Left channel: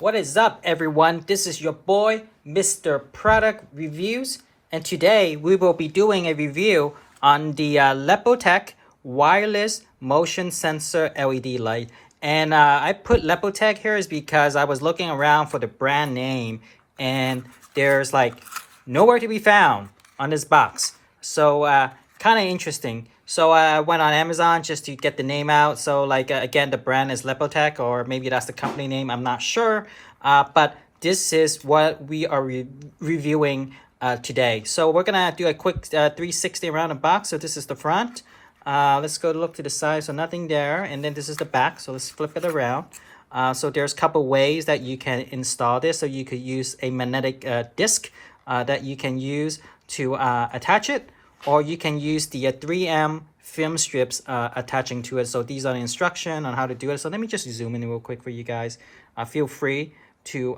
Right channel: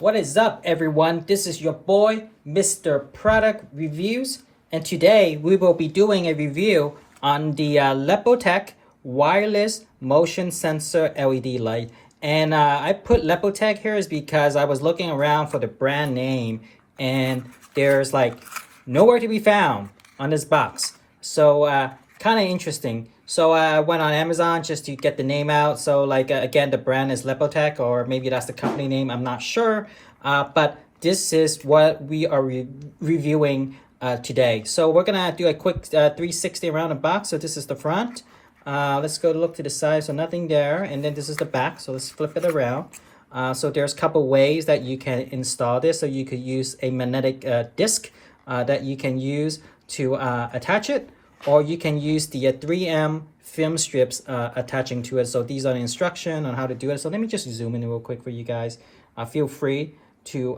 What is up, everyone? This is your boy, Mr. Product Reviews, and today we will be doing a review on the Lepotec wireless motion sensor LED light. And I put Lepotec here is because I was looking around for the brand name, and there's like nowhere to be found on this box. So kind of interesting. So I went on Amazon just to get the name out. So like again, the brand is Lepotec, or maybe that's the company name. I'm not sure. But this is what we are reviewing today. So we're gonna do a quick 360 around the box. So this is the front. Let's go look to the side. So nothing there. And then this is the back. So let's flip it around. So there's a couple ways that you can install this. So you could use a magnetic disc that you can use to attach it, or you can use the 3M film strips attaching to it. So these are the instruction on how to do it. So let me just zoom in real quick for you guys. Feel free to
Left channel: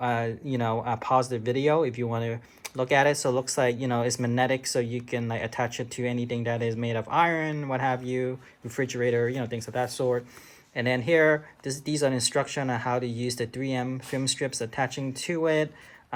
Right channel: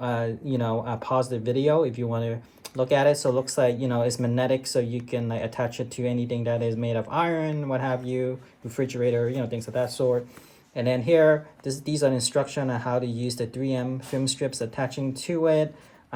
pause the video if you want to look at it. So it looks like it's magnetic, so you can like attach it to anything that is made of iron, what have you, refrigerator, things of that sort. And then here, these are the instruction on how to use the 3M film strips attaching to it.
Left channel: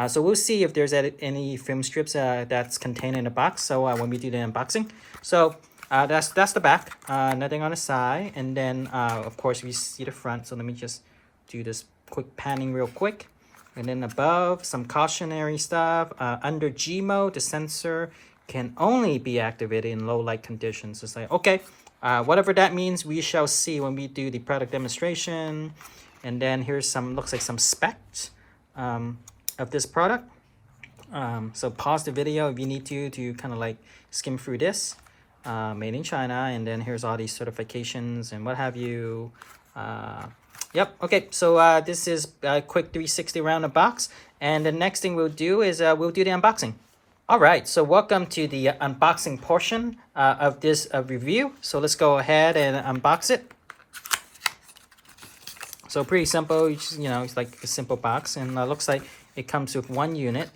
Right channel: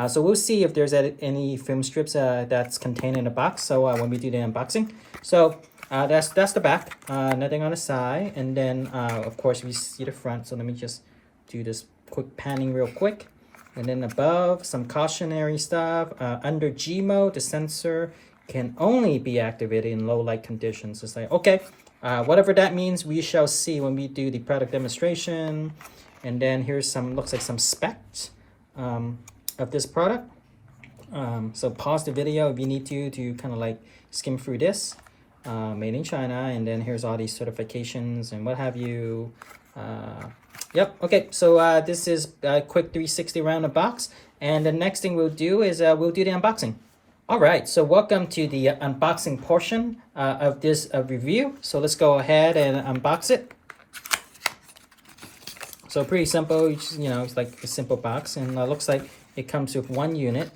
So we'll see if there's any film strips that's contained in the box. So when we do the unboxing, so that's the back. Nothing on the side, and then of course we see the front. So let me just do this quick panning real quick, and then above some cautionary stuff. Under G mode, the sensor can only be activated in low light conditions. It's like okay, whatever that means, we shall see when we do the product demonstration. And then here's looks like some specs of this product. So pause the video if you need to kind of like skim through this. Made in China, and then here's all these certifications and what have you. Yep, okay, so this is a quick 360 around the box, and the next thing we'll do is we'll do the unboxing. All right, so welcome to the unboxing portion of this review. So let's go ahead and unbox it. So pretty simple, it's like a simple box, and looks like it comes with one unit.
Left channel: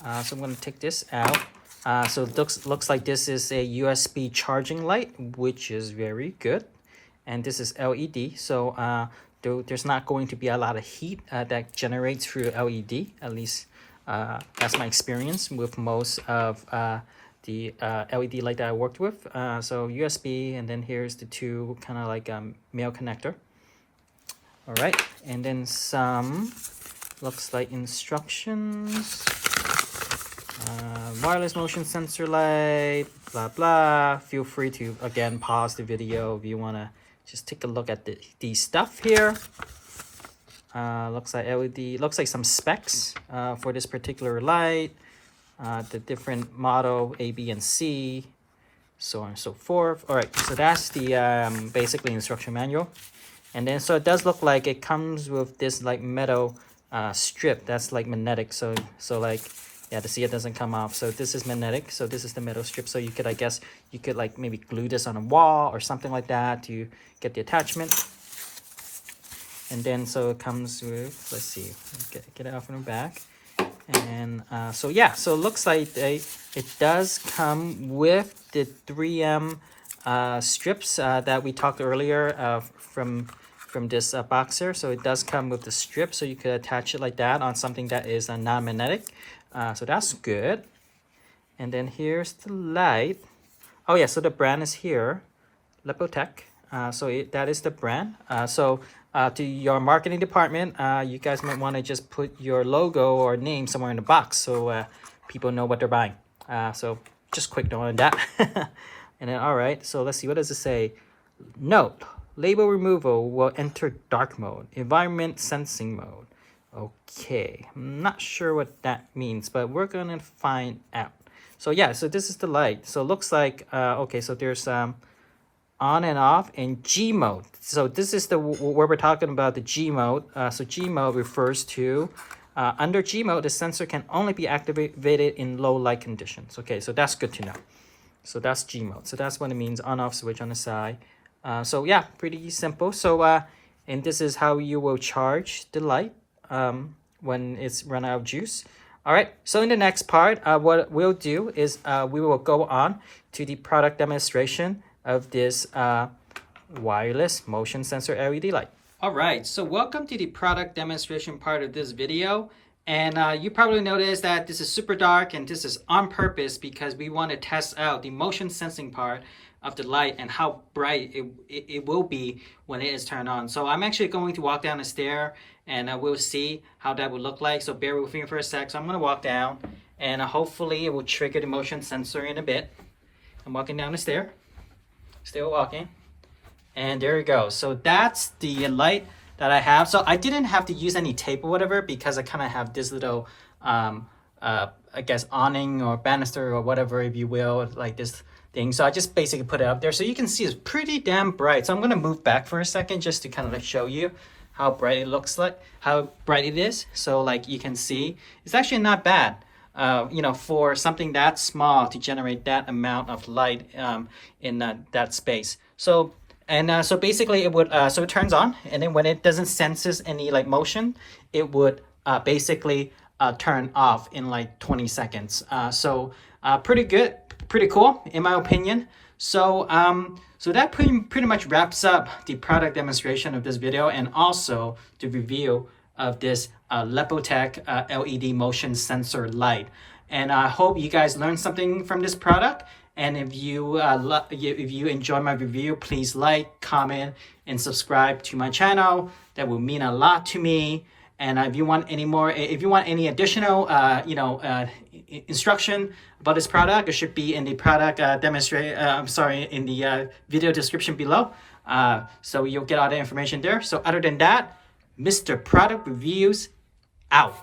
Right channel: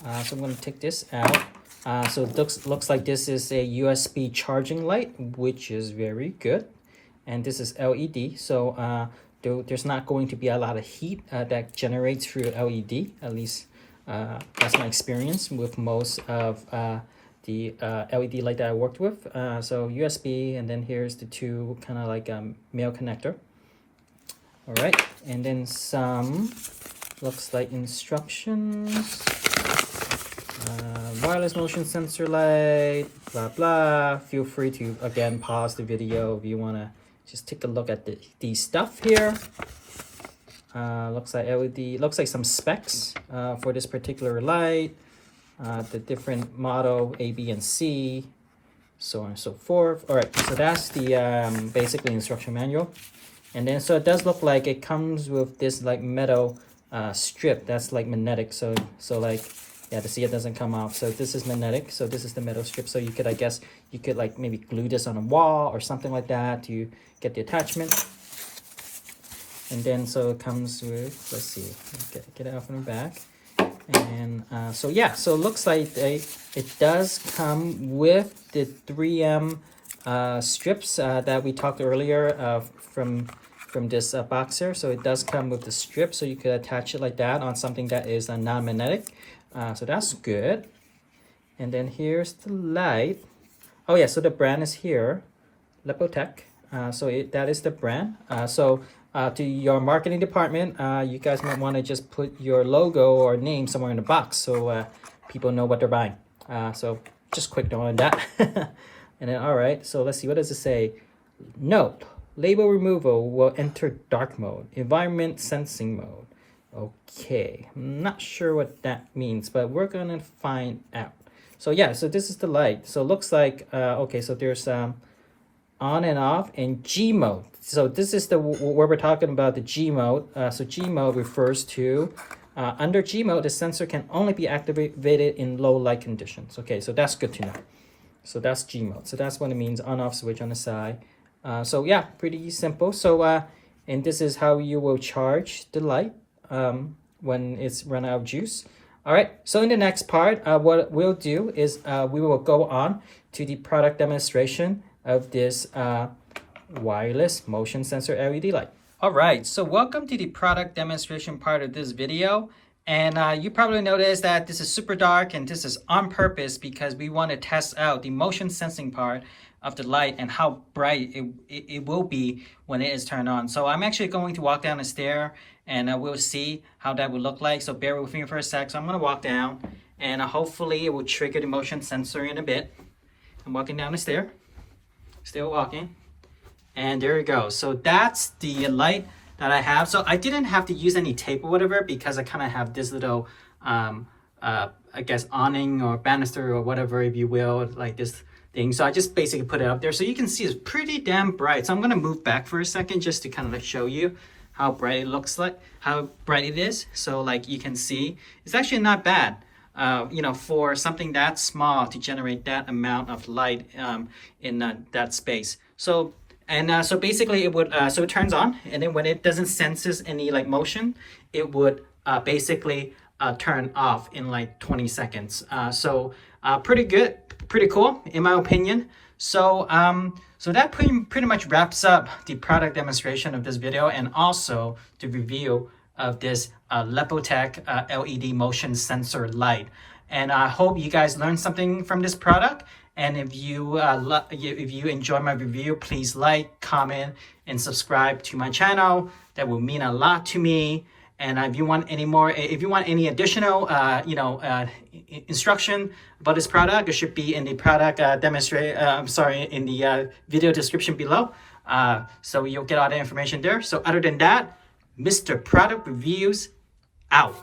So I'm going to take this out. So it looks like this is a USB charging light, which is very good. And this is LED, so there's not going to be a lot of heat that generates through LED. At least that's my experience with most of the LED light that I worked with. So USB, and then here's the two kind of like male connector. All right, and then some looks like instructions. Wireless motion sensor light, blah blah. Feel free to again pause the video if you want to just take a look at the stuff here. Looks like LED, looks like some specs for this particular light, the different model A, B, and C, so on and so forth. All right, so that's the basically instruction manual. And then so it does look like it comes with this like metal strip that's like magnetic. So like, yeah, to see it doesn't come off. So this is magnetic. So this is the metal strip. So you could, I guess, you could like maybe glue this on a wall or something like that to get the attachment. And then so it comes with, let's see, get it off in the back. And so yeah, so it looks like it does come with the 3M strips that we talked earlier from this box here. So it does come with the strip, so you could attach it like that on something that is non-magnetic. So that's good. And then here's the light. Oh yeah, so the brand is here, Lepotec. So that is the brand. So to your marketing department, you guys might want to just put your logo or name somewhere in the box so people know what they're buying. So just quick note on that. And then all right, so let's see, what does it say? Note, label removal will enter dark mode, environment sensing mode. Okay, I'm not sure what that means, but we're gonna find out. So yeah, so this is the light. So it looks like okay, so there's on and off in G mode. So this is where we're talking about the G mode. So G mode refers to under G mode, the sensor can only be activated in low light conditions. Okay, so that's good to know. So that's G mode. So that's what it means, on off switch on the side. So yeah, pretty simple. So and this is how you will charge the light when it's run out of juice. All right, so in the next part, what we'll do is we will go on to the product demonstration of this wireless motion sensor LED light. All right, so welcome to the product demonstration part of this video. And you probably noticed that this is super dark, and this is on purpose because we want to test out the motion sensing part of the light and how bright it will be when it is turned on. So I'm actually going to walk down the stair, and we'll see how that would look like. So bear with me for a sec. So I'm going to walk down, and hopefully it will trigger the motion sensor in a bit. I'm walking down the stair, still walking. And there you go. So that's the light that I have. So I didn't have to use any tape or whatever because I kind of have this little, I guess, awning or banister or whatever, if you will, like this thing. So I just basically put it up there. So you can see it's pretty damn bright. So I'm going to move back for a second just to kind of like show you how bright it looks like, how bright it is. So like you can see, it's actually not bad. You know, for something that small to generate that amount of light in that space. So so basically it would so it turns on, and then when it doesn't senses any like motion, it would basically turn off in like 20 seconds. Pretty good, pretty cool in my opinion. So so that pretty much wraps up the product demonstration of this video, and also the review of this Lepotec LED motion sensor light. And I hope you guys learned something from this product. And if you enjoy my review, please like, comment, and subscribe to my channel. That will mean a lot to me. And if you want any additional, instruction about this product, it should be in the product in the video description below. So you'll get all the information there. So other than that, Mr. Product Reviews out.